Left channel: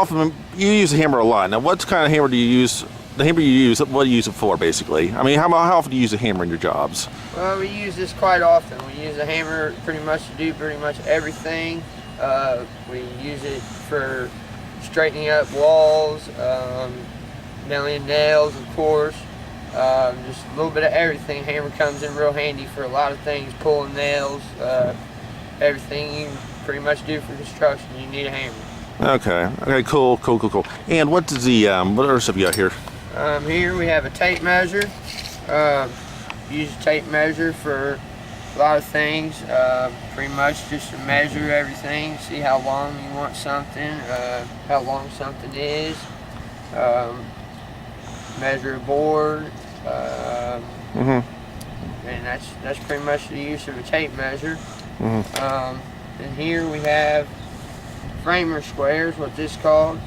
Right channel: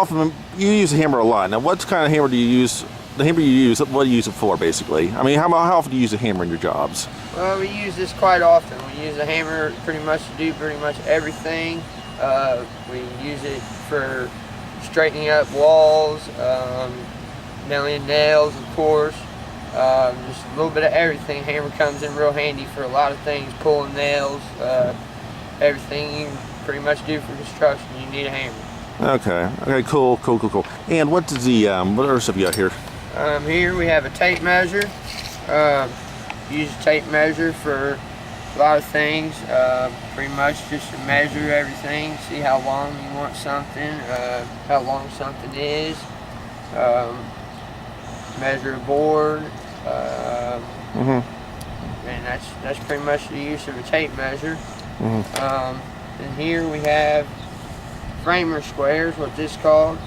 how often you use a hammer a lot? Now, what kind of hammer do you use? The hammer you use, what do you use it for, basically? I mean, how often do you use a hammer in your jobs? Well, we use this quite often. We use a hammer pretty much to do pretty much everything. We use it for straightening up walls, nailing nails, of course. Just a little bit of everything. Hammer comes in real handy for a lot of things, pulling nails, everything you can pretty much do for construction, you need a hammer. Okay, cool. And what does the, what other stuff you got here? Here we have a tape measure. Use a tape measure for a lot of things, pretty much just to measure everything, see how long you want something, how long something is, measure a board, and that's pretty much the use of a tape measure. And here we have framer squares, what this is called.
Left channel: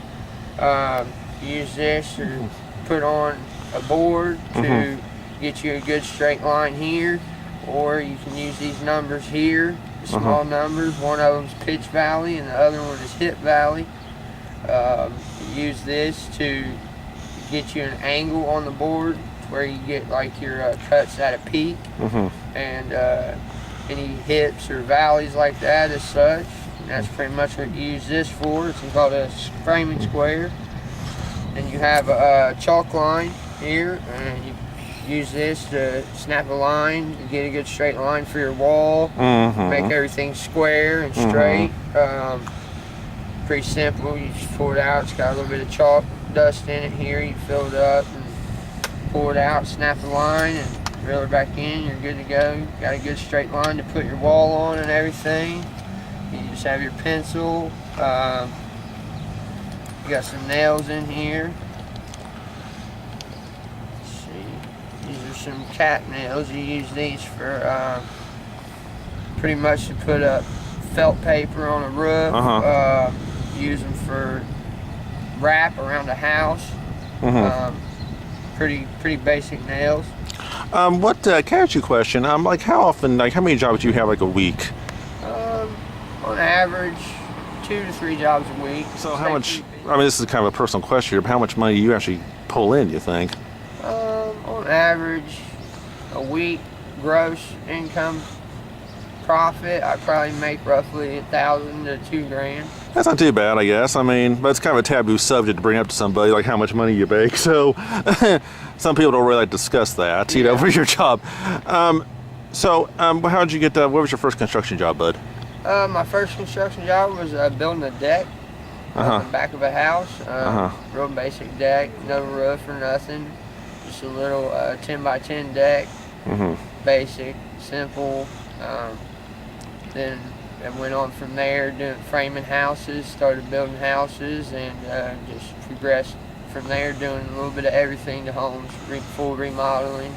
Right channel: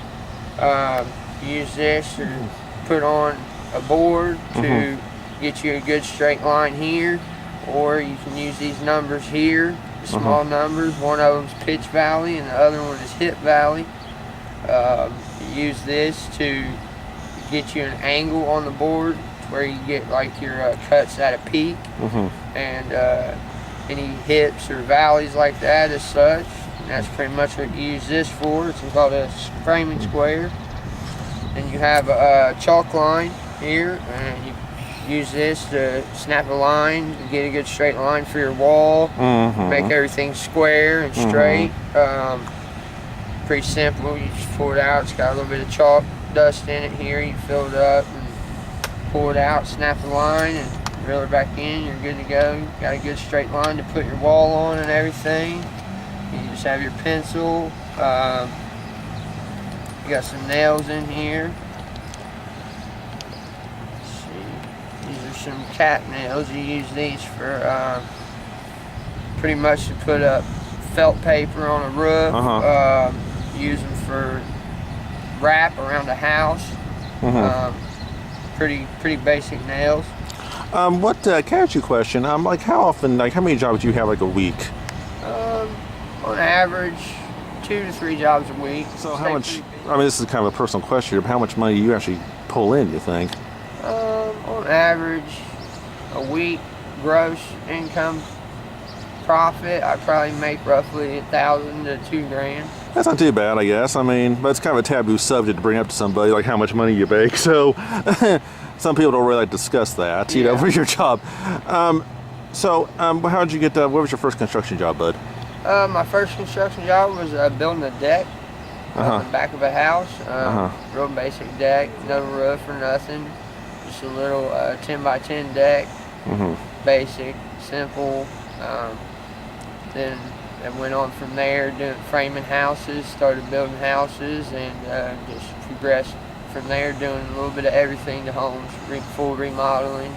Use this to put on a board to get you a good straight line here, or you can use these numbers here, the small numbers. One of them is pitch valley and the other one is hip valley. You use this to get you an angle on the board where you get like your cuts at a peak, and any hips or valleys like that as such. And that's pretty much what you use this for. It's called a framing square. And you have a chalk line here, and you use this to snap a line to get a good straight line for your wall, make everything square and straight. Pretty simple. You just pull it out. It's got a little bit of chalk dust in it here. You fill it up and pull it out, snap the line, and reel it back in. You're good to go. You got a good straight line to put your wall on and everything. You just have your pencil. You got some nails in here. Let's see. These are some cat nails. You use these for pretty much to put up felt paper on a roof. Use them for wrap around a house. Pretty basic nails. Can I ask you a question? Like how often, like how many jobs do you have like a week? On average, 2 to 3 jobs a week. So how much, I mean this is kind of a personal question here, but how much money do you actually pull in, do you think? On average, a week gross income profit, I probably make roughly $1,000 to $2,000. That's not too bad, I guess. I mean, but it's kind of a taboo subject to bring up to somebody, like how much money you make. So some people don't really like to discuss that, you know, for your job. How did you get, what was your first construction job, bud? My first construction job was building a deck on the back of a house. Real basic deck, no roof or nothing. Just a little 10 by 10 deck. Basic, simple. Then I went on from there, doing framing houses, started building houses, and just progressed from there, doing a little bit of everything to homes, full remodeling,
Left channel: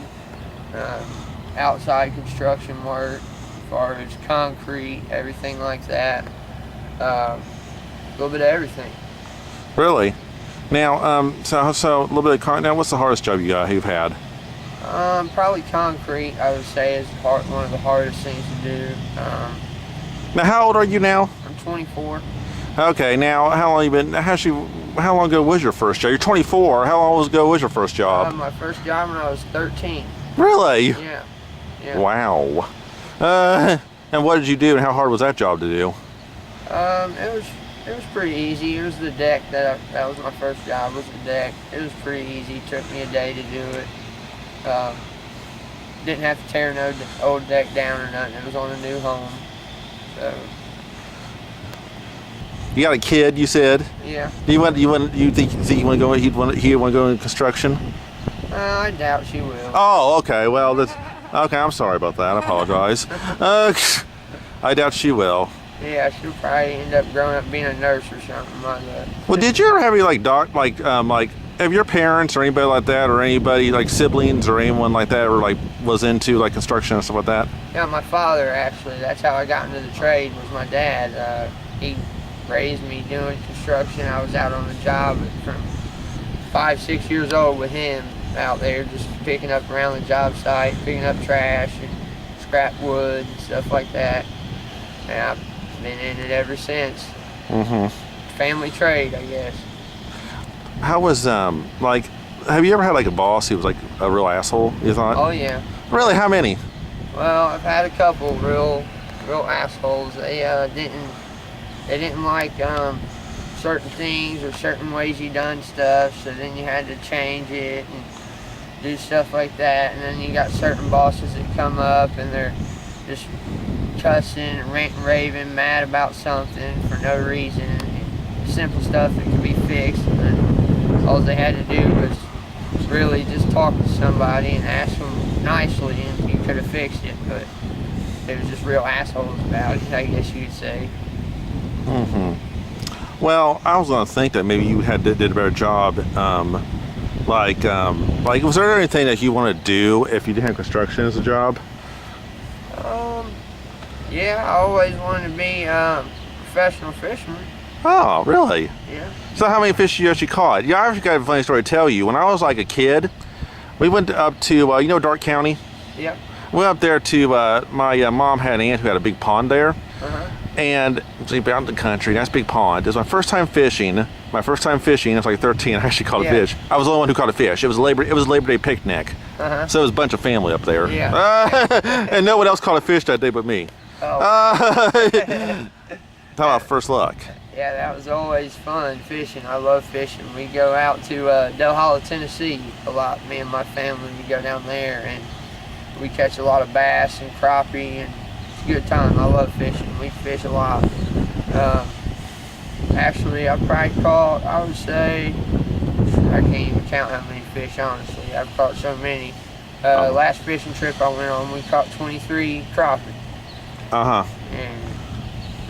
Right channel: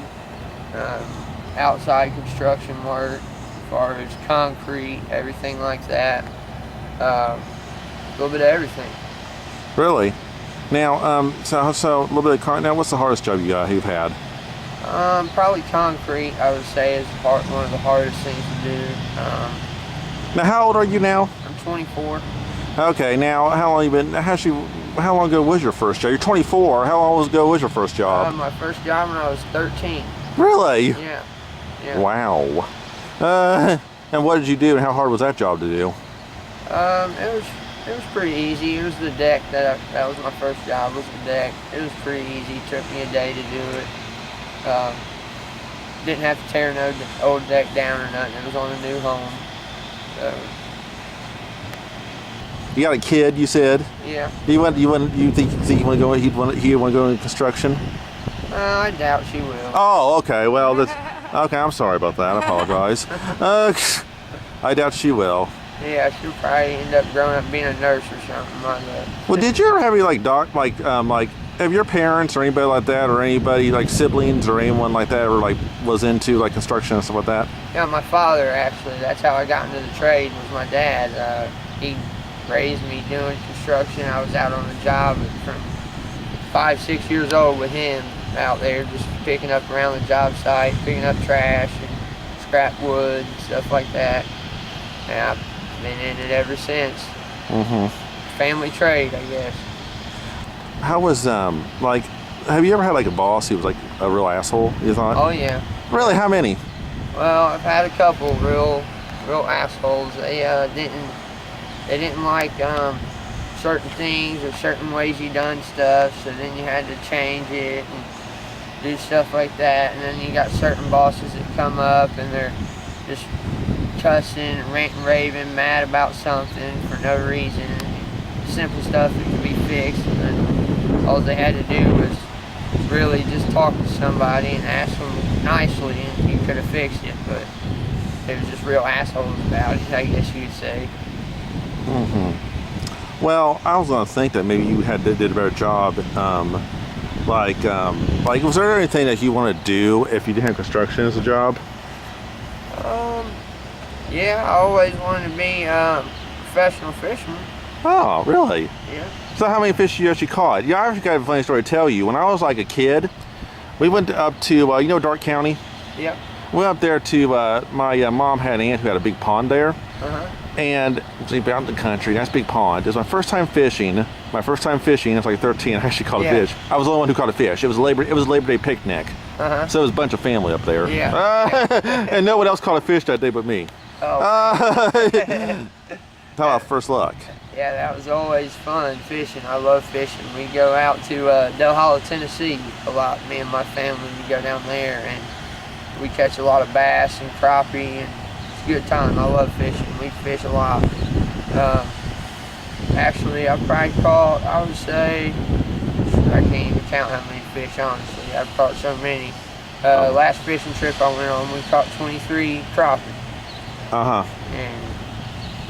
outside construction work, as far as concrete, everything like that. A little bit of everything. Really? Now, so a little bit of now, what's the hardest job you've had? Probably concrete, I would say, is one of the hardest things to do. Now, how old are you now? I'm 24. Okay, now, how long you been? How long ago was your first job? You're 24. How long ago was your first job? My first job when I was 13. Really? Yeah. Wow. And what did you do, and how hard was that job to do? It was pretty easy. It was the deck that was my first job. Was the deck. It was pretty easy. It took me a day to do it. Didn't have to tear no old deck down or nothing. It was on a new home. So. You got a kid, you said? Yeah. You think you want to go? He want to go into construction? I doubt she will. Oh, okay. Well, that's okay. I'm sorry about that. I apologize. I doubt she will. Yeah, she'll probably end up growing up being a nurse or something like that. Well, did you ever have any have your parents or anybody like that, or anybody like siblings or anyone like that, or like was into like construction and stuff like that? Yeah, my father actually. That's how I got into the trade. Was my dad. He raised me doing construction. I was out on the job from 5, 6 years old with him out there, just picking up around the job site, picking up trash and scrap wood and stuff like that. And I've been in it ever since. family trade, I guess. How was like? Have you ever had like a boss who was like a real asshole? You thought? Oh yeah. Really? How many? Well, I've had a couple real assholes. They didn't like certain things or certain ways you done stuff, so then you had to change it and do stuff like that. And then you got certain bosses that come up and they're just cussing and ranting, raving, mad about something for no reason. Simple stuff that can be fixed, and all they had to do was really just talk to somebody and ask them nicely, and you could have fixed it. But they was just real assholes about it, I guess you could say. Well, I was gonna think that maybe you did a better job. Like, was there anything that you want to do if you didn't have construction as a job? Yeah, I always wanted to be a professional fisherman. Oh, really? Yeah. So how many fish you actually caught? Yeah, I actually got a funny story to tell you. When I was like a kid, we went up to, you know, Dark County? Yep. We went up there to, my mom had an aunt who had a big pond there. And it was out in the country, nice big pond. It was my first time fishing. I was like 13, I actually caught a fish. I was the only one who caught a fish. It was a Labor Day picnic. So it was a bunch of family up there. And no one else caught a fish that day but me. How about first luck? Yeah, that was always fun fishing. I love fishing. We go out to Del Hollow, Tennessee a lot. Me and my family, we go down there and we catch a lot of bass and crappie, and it's a good time. I love fishing. We fish a lot. Actually, I've probably caught, I would say, I can't even count how many fish, honestly. I've caught so many. Last fishing trip I went on, we caught 23 crappie. And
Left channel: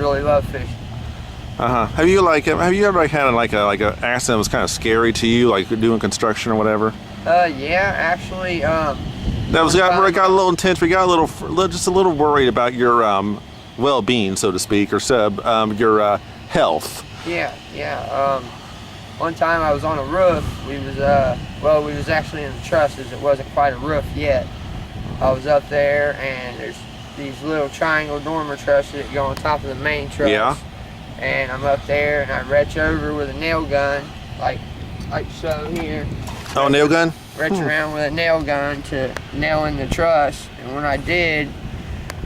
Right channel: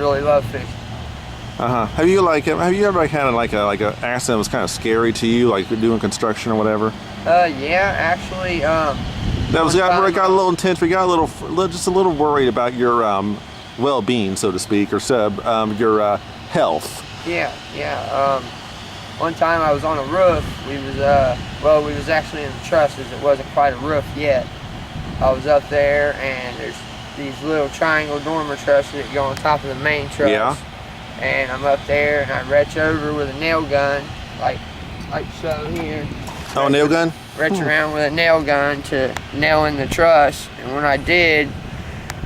really love fishing. Have you ever had like a accident that was kind of scary to you, like doing construction or whatever? Yeah, actually. That got a little intense. We got just a little worried about your well-being, so to speak, or your health. Yeah. One time I was on a roof. We was actually in the trusses. It wasn't quite a roof yet. I was up there, and there's these little triangle dormer trusses that go on top of the main truss. Yeah. And I'm up there, and I reach over with a nail gun, like so here. Oh, nail gun? Reach around with a nail gun to nail in the truss, and when I did,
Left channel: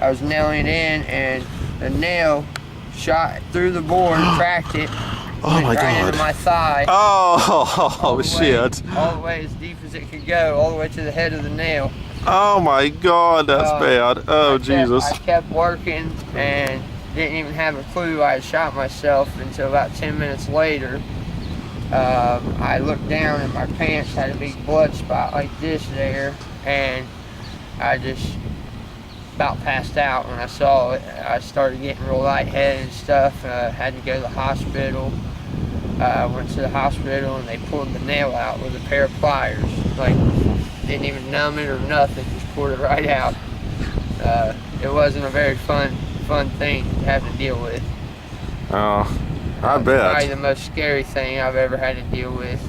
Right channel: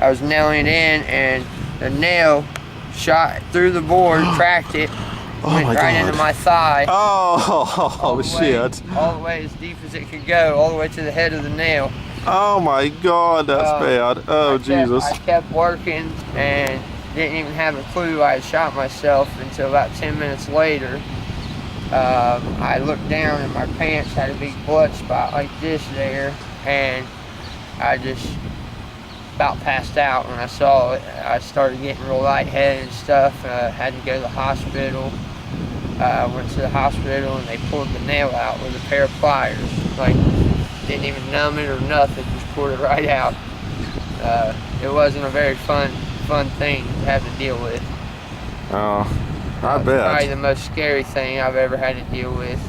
I was nailing it in, and the nail shot through the board, cracked it, went right into my thigh. Oh, shit. All the way as deep as it could go, all the way to the head of the nail. Oh my God, that's bad. Oh, Jesus. I kept working and didn't even have a clue I had shot myself until about 10 minutes later. I looked down and my pants had a big blood spot like this there, and I just about passed out when I saw it. I started getting real lightheaded and stuff. Had to go to the hospital. Went to the hospital and they pulled the nail out with a pair of pliers. Like, didn't even numb it or nothing, just pulled it right out. It wasn't a very fun thing to have to deal with. Oh, I bet. Probably the most scary thing I've ever had to deal with.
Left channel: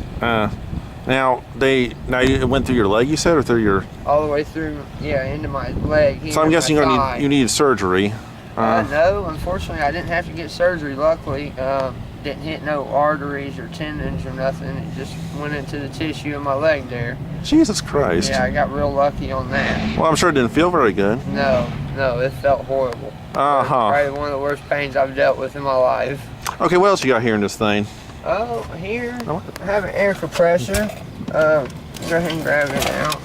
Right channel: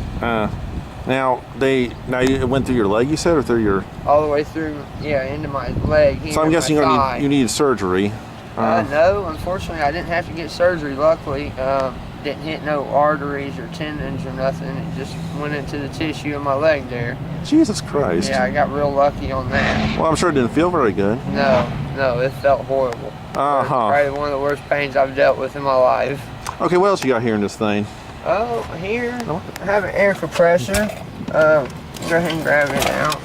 Now you went through your leg, you said, or through your? All the way through, into my leg. So I'm guessing you needed surgery. No, unfortunately, I didn't have to get surgery. Luckily, didn't hit no arteries or tendons or nothing. It just went into the tissue in my leg there. Jesus Christ. Yeah, I got real lucky on that. Well, I'm sure it didn't feel very good. No, it felt horrible. Probably one of the worst pains I've dealt with in my life. Okay, what else you got here in this thing? Oh, here I have an air compressor. Go ahead and grab it out.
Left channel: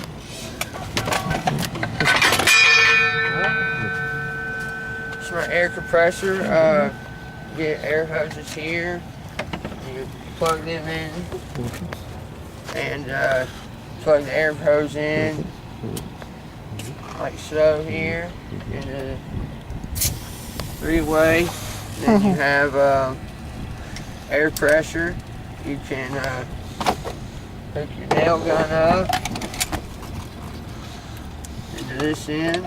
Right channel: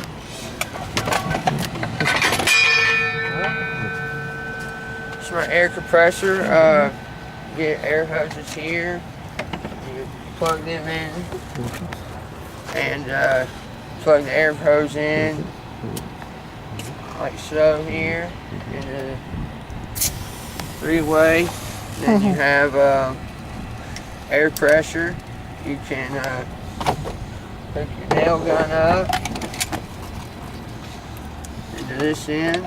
It's my air compressor. Get air hoses here. You plug them in and plug the air hose in like so here in the three-way. Then you have air pressure. You can hook your nail gun up into this end,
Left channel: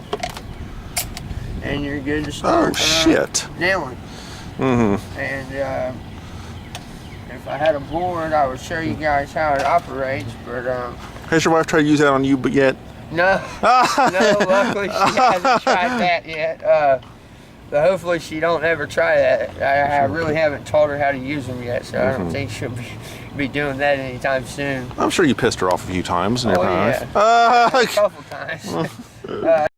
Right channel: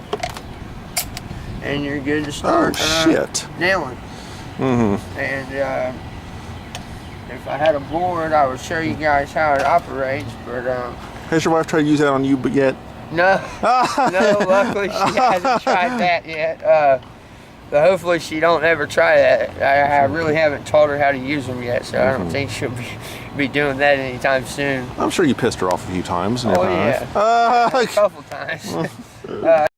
and you're good to start nailing. And if I had a board, I would show you guys how it operates. But has your wife tried to use that on you, but yet? No, luckily she hasn't tried that yet. But hopefully she don't ever try that. I really haven't taught her how to use them yet, so I don't think she'll be doing that anytime soon. I'm sure you pissed her off a few times in Oh your life. yeah, a couple times.